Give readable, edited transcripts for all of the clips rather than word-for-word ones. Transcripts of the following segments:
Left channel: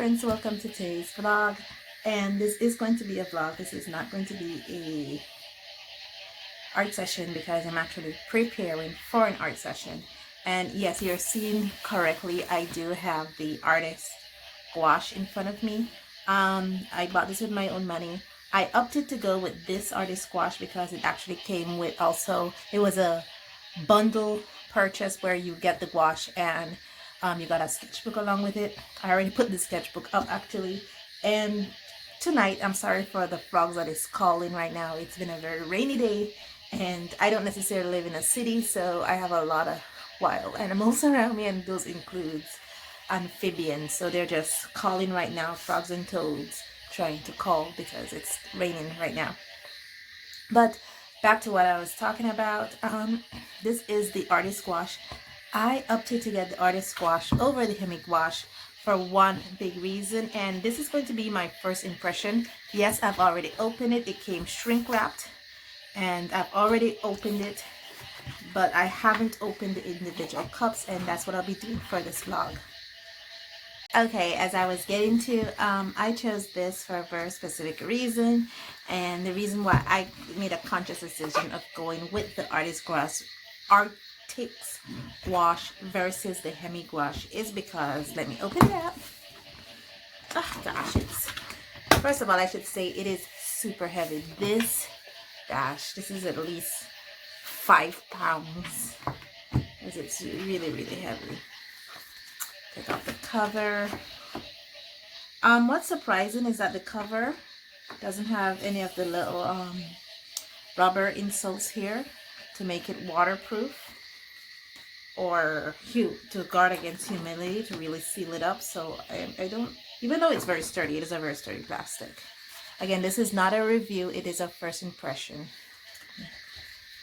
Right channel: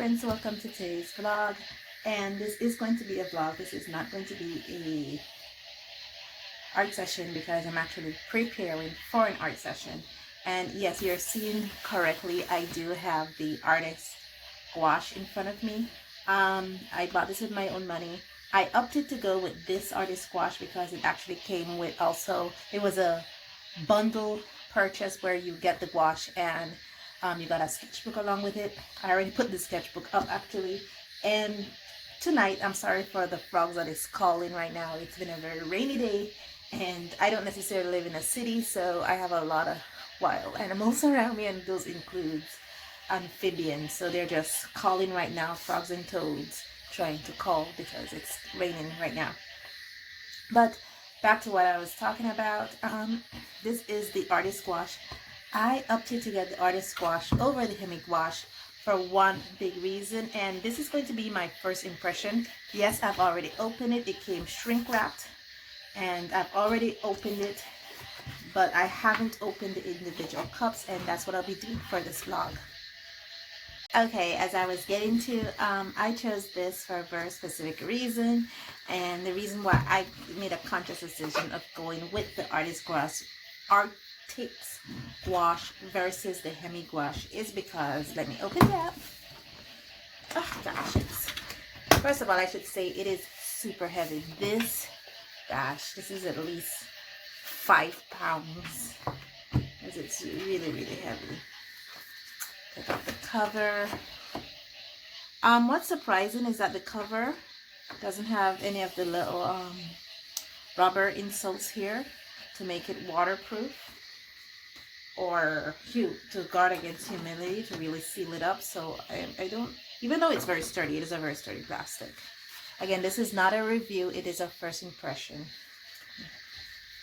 friends, welcome to today's vlog, and this is going to be a vlog. This is not going to be a art session because I'm actually preparing for an art session. And yes, you're seeing correctly, I do have the Arrtx Gouache in front of me. I bought this with my own money. I opted to go with this Arrtx Gouache because it actually came with also, it was a bundle purchase where you get the gouache and you got a sketchbook along with it. I already put the sketchbook up actually. And tonight, I'm sorry for the frogs that is calling right now. It's been a very rainy day and I don't necessarily live in a city, so I have a lot of wild animals around me, and those includes amphibians. So they're just calling right now, frogs and toads trying to call because it's raining right now. But back to what I was talking about. This is the Arrtx Gouache. I opted to get the Arrtx Gouache over the Hemi Gouache for one big reason, and this is going to be my first impression. Yes, I've already opened it. It came shrink wrapped, and I've already opened it, but I haven't opened the individual cups, and that's what I'll be doing for this vlog. Okay, as I was getting to, I chose this for a very specific reason, and the reason why I made a conscious decision of going with the Arrtx Gouache versus the Hemi Gouache is because, let me open it up. Oh gosh, first of all, I should say it is super heavy. This is at least 5 pounds, as it's really heavy. Take off the cover. What's surprising is that the cover doesn't have any of the little rubber insoles here to make it waterproof or to guard against humidity, to really seal it up. So I don't, even though it's very sturdy, it is a very sturdy plastic. Again, this is not a review, it is a first impression.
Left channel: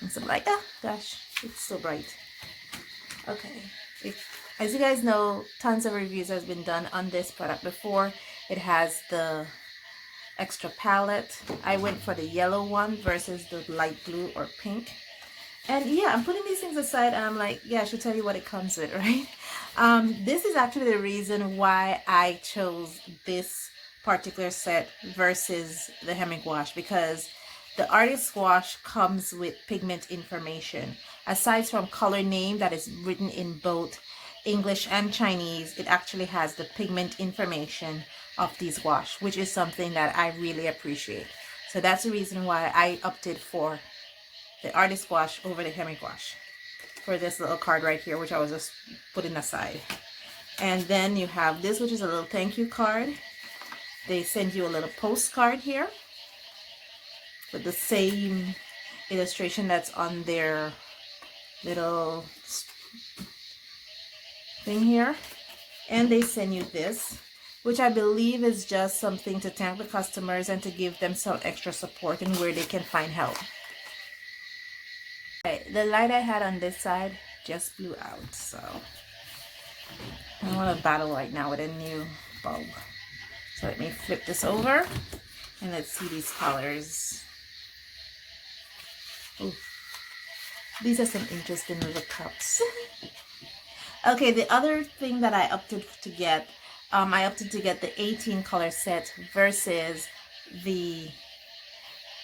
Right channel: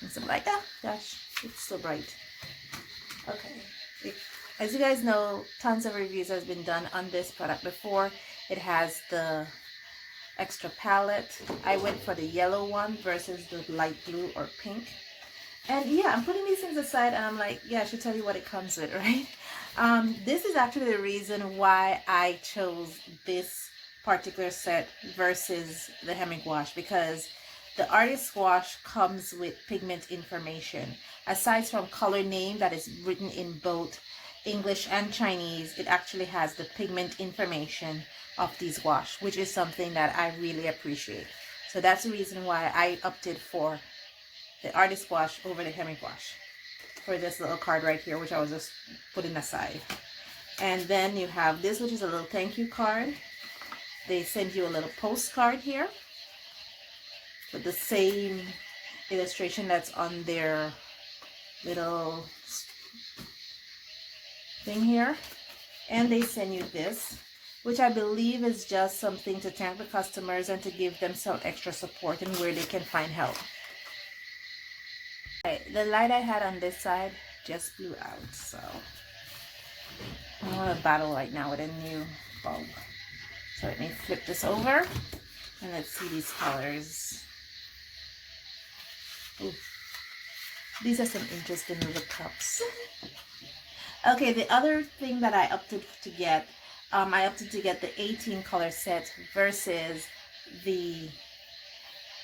And so I'm like, oh gosh, it's so bright. Okay. As you guys know, tons of reviews has been done on this product before. It has the extra palette. I went for the yellow one versus the light blue or pink. And yeah, I'm putting these things aside and I'm like, yeah, I should tell you what it comes with, right? This is actually the reason why I chose this particular set versus the Hemi Gouache, because the Arrtx Gouache comes with pigment information. Aside from color name that is written in both English and Chinese, it actually has the pigment information of these gouache, which is something that I really appreciate. So that's the reason why I opted for the Arrtx Gouache over the Hemi Gouache for this little card right here, which I was just putting aside. And then you have this, which is a little thank you card. They send you a little postcard here with the same illustration that's on their little thing here, and they send you this, which I believe is just something to thank the customers and to give them some extra support and where they can find help. Okay, the light I had on this side just blew out, so I want to battle right now with a new bulb. So let me flip this over and let's see these colors. Ooh, these are some interesting little cups. Okay, the other thing that I opted to get, I opted to get the 18 color set versus the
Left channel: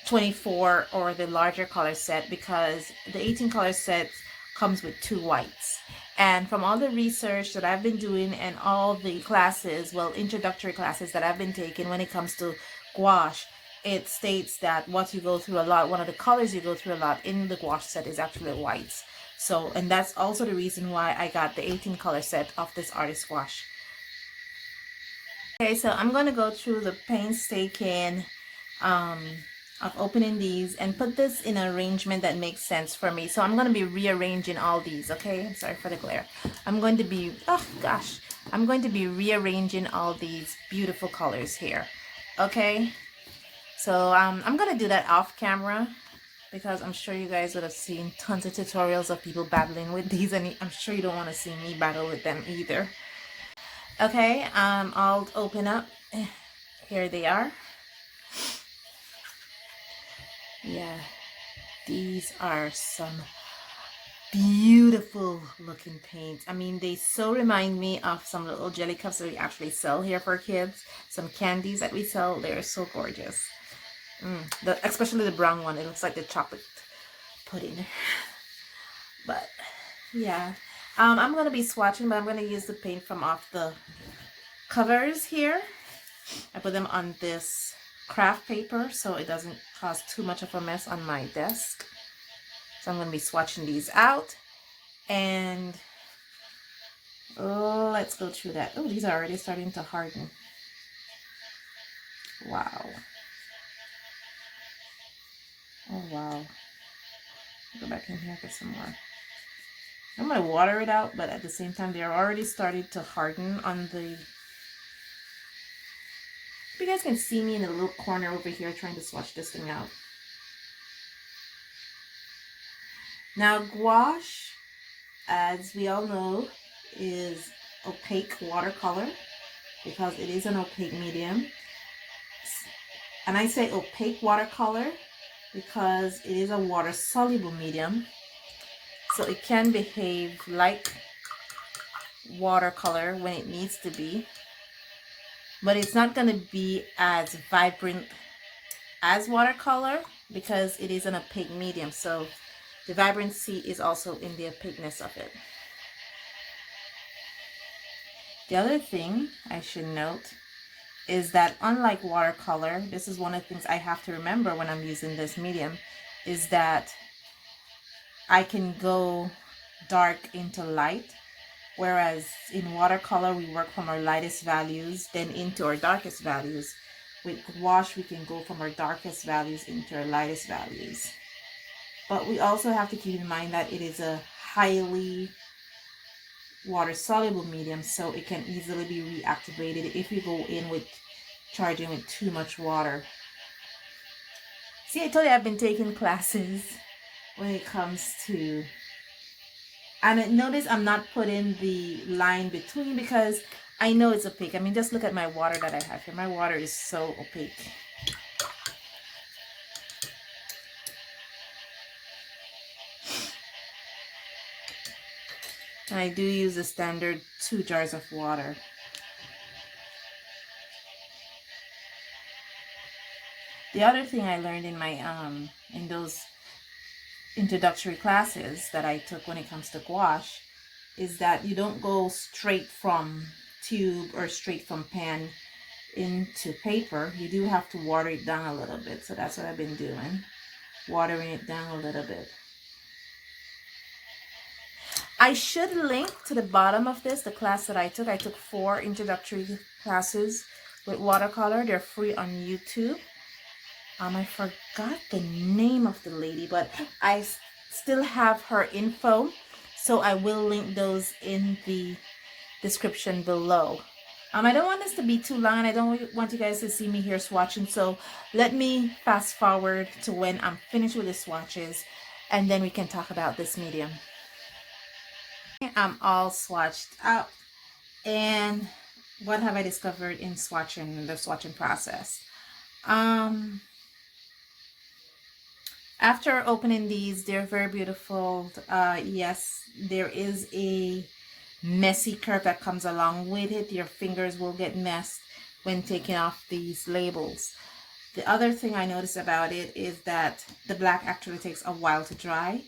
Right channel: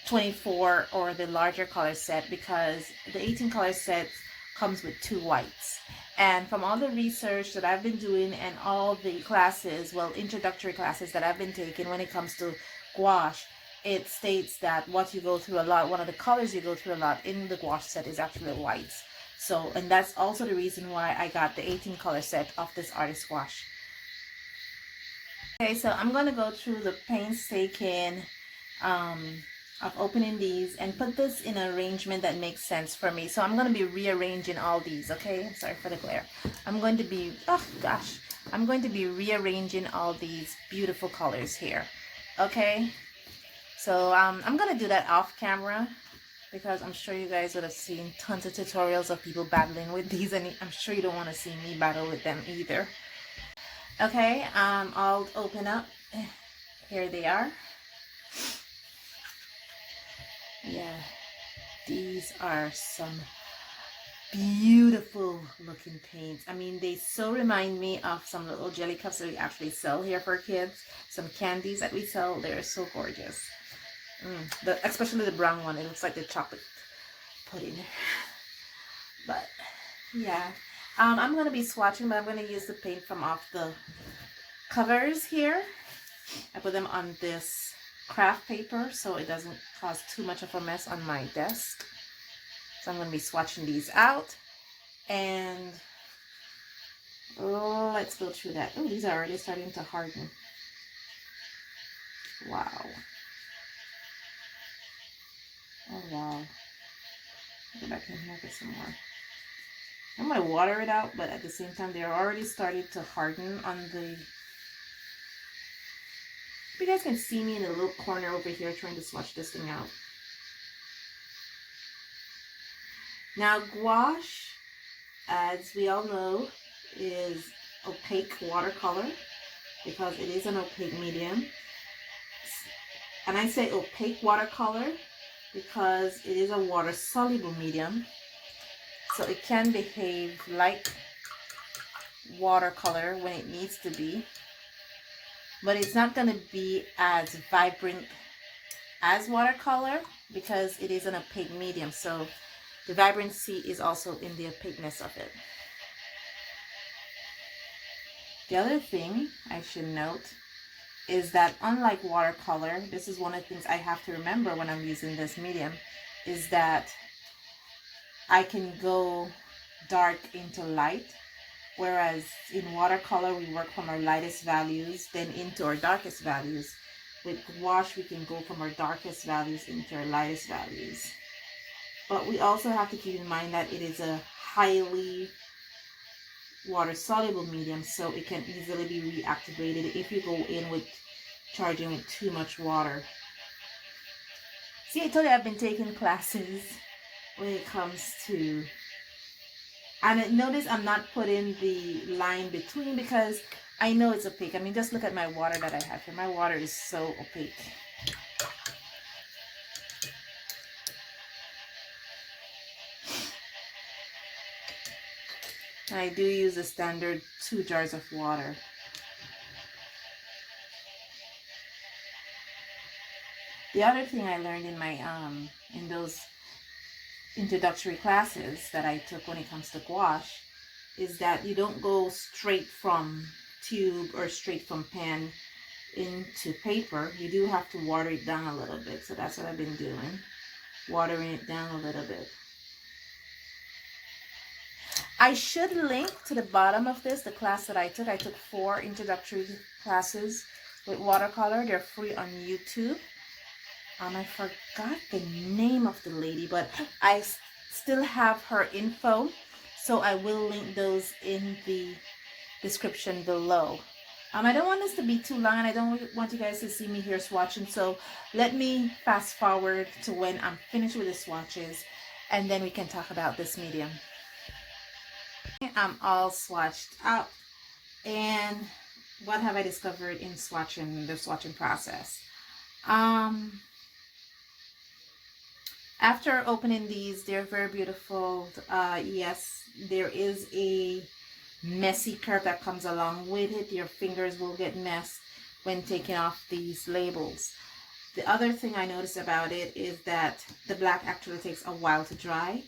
24 or the larger color set, because the 18 color set comes with 2 whites. And from all the research that I've been doing and all the classes, well, introductory classes that I've been taking when it comes to gouache, it states that what you go through a lot, one of the colors you go through a lot in the gouache set is actually whites. So, and that's also the reason why I got the 18 color set of this Arrtx Gouache. Okay, so I'm going to go through the painstaking of opening these and put this in an arrangement that makes sense for me. So I'm going to be rearranging all these, okay? I'm sorry for the glare. I'm going to be, oh gosh, I'm going to be rearranging all these beautiful colors here, okay? So I'm going to do that off camera, because I'm sure you guys would have seen tons of tutorials of people battling with these, and I'm sure you don't want to see me battle with them either. Okay, I'll open up. Here they are. Yeah, these are some beautiful looking paints. I mean, they so remind me of some little jelly cups that we actually sell here for kids. Some candies that we sell. They're so gorgeous. Especially the brown one. It looks like the chocolate pudding. But yeah, I'm going to be swatching, but I'm going to use the paint from off the covers here. I put them on this craft paper so it doesn't cause too much of a mess on my desk. So I'm going to be swatching these out, and let's go through that. Oh, these are already starting to harden. Wow. Oh, wow. Go back in here, get some more. I'm going to water it out, but at the same time, they're already starting to harden on the... You guys can see me in a little corner over here trying to swatch this thing out. Now, gouache, as we all know, is opaque watercolor because it is an opaque medium. And I say opaque watercolor because it is a water-soluble medium. So it can behave like watercolor when it needs to be. But it's not going to be as vibrant as watercolor because it is an opaque medium. So the vibrancy is also in the opaqueness of it. The other thing I should note is that unlike watercolor, this is one of the things I have to remember when I'm using this medium, is that I can go dark into light, whereas in watercolor we work from our lightest values then into our darkest values. With gouache we can go from our darkest values into our lightest values. But we also have to keep in mind that it is a highly water-soluble medium, so it can easily be reactivated if you go in with charging with too much water. See, I told you I've been taking classes when it comes to... And notice I'm not putting the line between because I know it's opaque. I mean, just look at my water that I have here. My water is so opaque. And I do use the standard 2 jars of water. The other thing I learned in my in those introductory classes that I took when it comes to gouache is that you don't go straight from tube or straight from pen into paper. You do have to water it down a little bit. So that's what I've been doing, watering it down a little bit. I should link to the bottom of this, the class that I took. I took 4 introductory classes with watercolor. They're free on YouTube. I forgot the name of the lady, but I still have her info, so I will link those in the description below. I don't want this to be too long, and I don't want you guys to see me here swatching, so let me fast forward to when I'm finished with the swatches, and then we can talk about this medium. I'm all swatched out, and what have I discovered in swatching, the swatching process? After opening these, they're very beautiful. Yes, there is a messy curve that comes along with it. Your fingers will get messed when taking off these labels. The other thing I noticed about it is that the black actually takes a while to dry,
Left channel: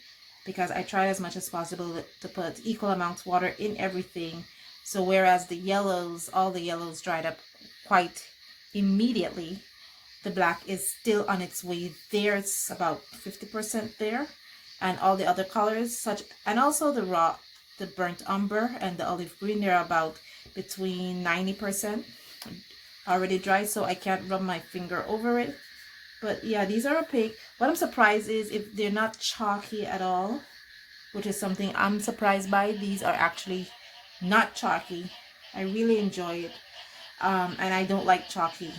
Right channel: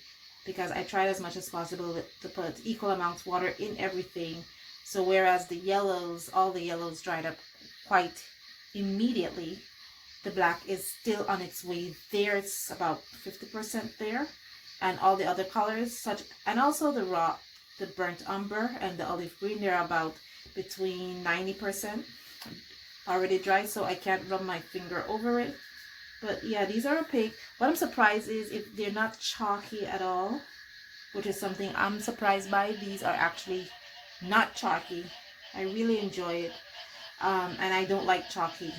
because I tried as much as possible to put equal amounts of water in everything. So whereas the yellows, all the yellows dried up quite immediately, the black is still on its way there. It's about 50% there, and all the other colors, and also the burnt umber and the olive green, they're about between 90% already dry, so I can't rub my finger over it. But yeah, these are opaque. What I'm surprised is if they're not chalky at all, which is something I'm surprised by. These are actually not chalky. I really enjoy it, and I don't like chalky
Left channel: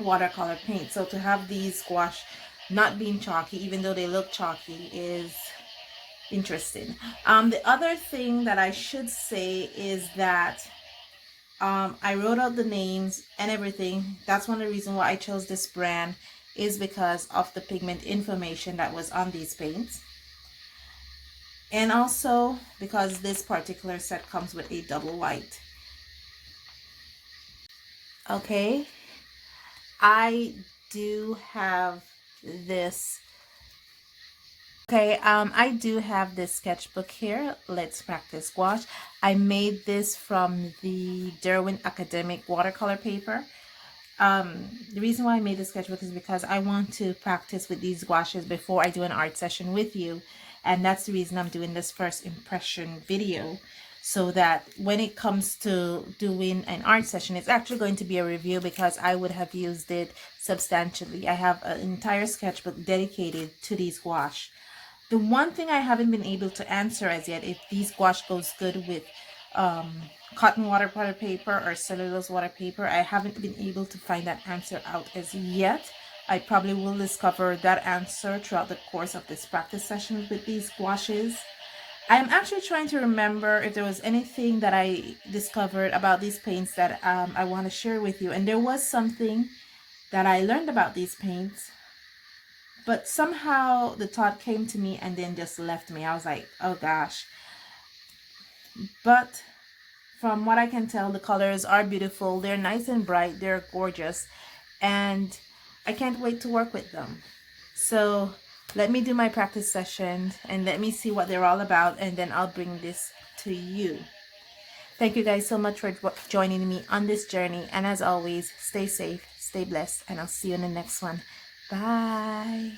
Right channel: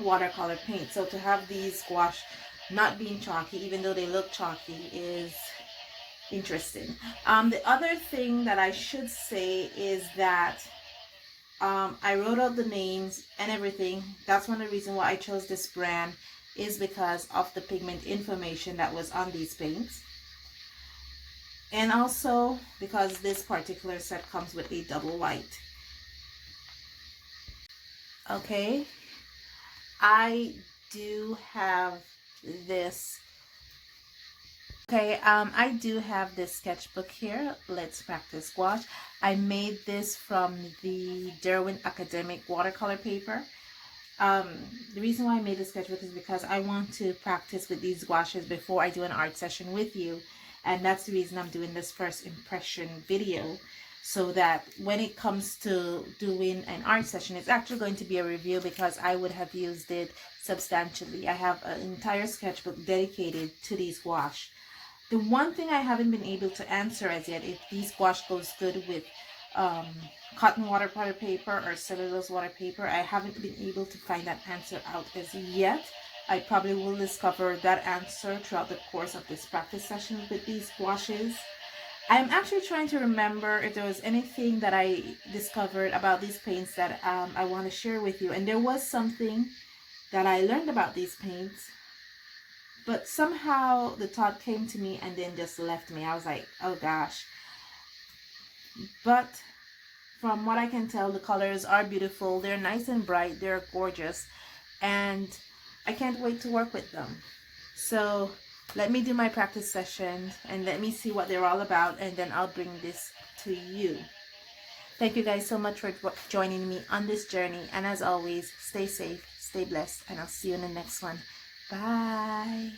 watercolor paint. So to have these gouache not being chalky, even though they look chalky, is interesting. The other thing that I should say is that I wrote out the names and everything. That's one of the reasons why I chose this brand, is because of the pigment information that was on these paints. And also, because this particular set comes with a double white. Okay, I do have this. Okay, I do have this sketchbook here, Let's Practice Gouache. I made this from the Derwent Academic watercolor paper. The reason why I made the sketchbook is because I want to practice with these gouaches before I do an art session with you. And that's the reason I'm doing this first impression video, so that when it comes to doing an art session, it's actually going to be a review because I would have used it substantially. I have an entire sketchbook dedicated to these gouache. The one thing I haven't been able to answer as yet, if these gouache goes good with cotton watercolor paper or cellulose water paper, I haven't been able to find that answer out as yet. I probably will discover that answer throughout the course of this practice session with these gouaches. I'm actually trying to remember if there was anything that I discovered about these paints that I want to share with you. And there was something that I learned about these paints, but somehow the thought came to me and then just left me. I was like, oh gosh. But from what I can tell, the colors are beautiful. They're nice and bright. They're gorgeous. And I can't wait to work with them. So let me do my practice session and let me see what they're all about. And then I'll bring this to you. Thank you guys so much for joining me on this journey. And as always, stay safe, stay blessed, and I'll see you in the next one. Bye.